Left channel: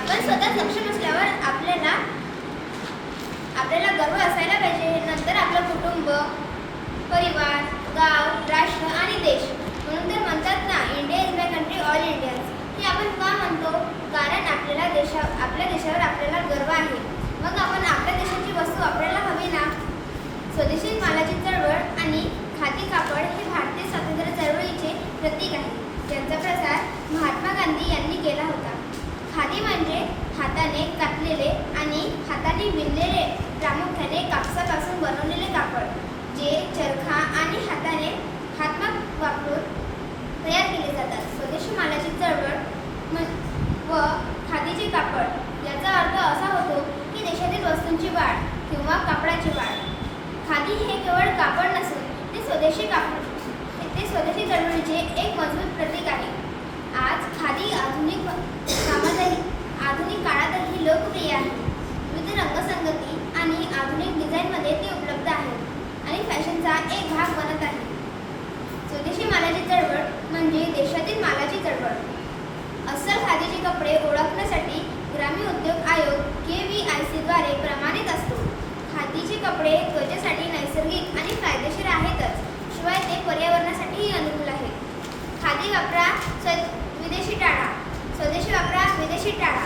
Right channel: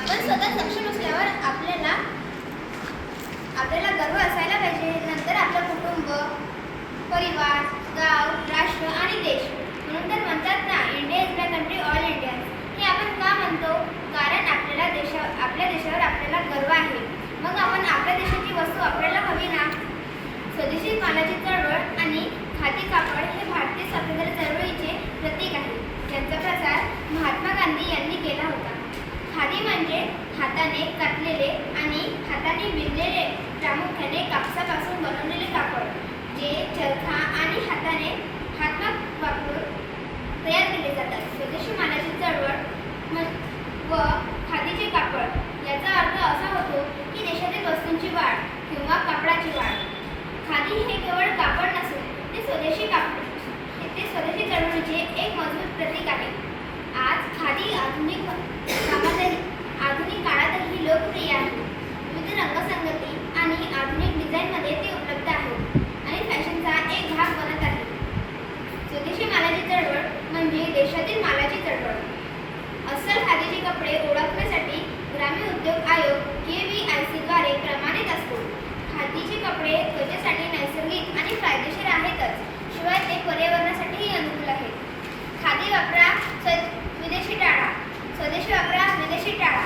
आपण स्वतः सक्षम असल्यावर आपल्याला गर्व असायला पाहिजे. नंतर आपलं कुटुंब, परिवार, गाव, राष्ट्र आणि देश. म्हणून तर म्हणतात ना, India is my country, all Indians. हे आपण का म्हणतो? कारण आपल्या देशावर आपल्याला गर्व आहे. मग आपण आपल्या देशाची वस्तू वापरायला हवी ना. स्वदेशी मालाची चळवळ आणि खादी कापड हे भारतीय स्वातंत्र्य चळवळीचे प्रतीक आहे, ज्यांचा प्रसार महात्मा गांधी यांनी केला होता. खादी म्हणजे हाताने कातलेले आणि हाताने विणलेले, प्रामुख्याने कापसापासून बनवलेले कापड, जे चरखा आणि हातमाग वापरून तयार केले जातात. स्वदेशी मालाची चळवळ व खादीचे कापड याचा अर्थ असा होतो की देशातील वस्तूंची वाढ किंवा कापडाची वाढ. खादी हे केवळ कापड नसून ते स्वदेशी चळवळीचे एक मजबूत प्रतीक आहे. आज खादी आधुनिक काळातही लोकप्रिय आहे. विविध रंगसंगती आणि आधुनिक डिझाईनमध्ये ते उपलब्ध आहे आणि फॅशनचा एक भाग बनत आहे. स्वदेशी मालाची चळवळ म्हणजे देशातील मालाची चळवळ. अस्सल खादीचे कपडे ओळखण्यासाठी ग्रामीण उद्योग आयोग KVIC द्वारे प्रमाणित असतो. खादीचे कपडे त्वचेसाठी नैसर्गिक आणि फायदेशीर आहेतच, शिवाय ते पर्यावरणासाठीही अनुकूल आहेत. खादी वापरा, विदेशी टाळा. स्वदेशी वापरा, विदेशी टाळा.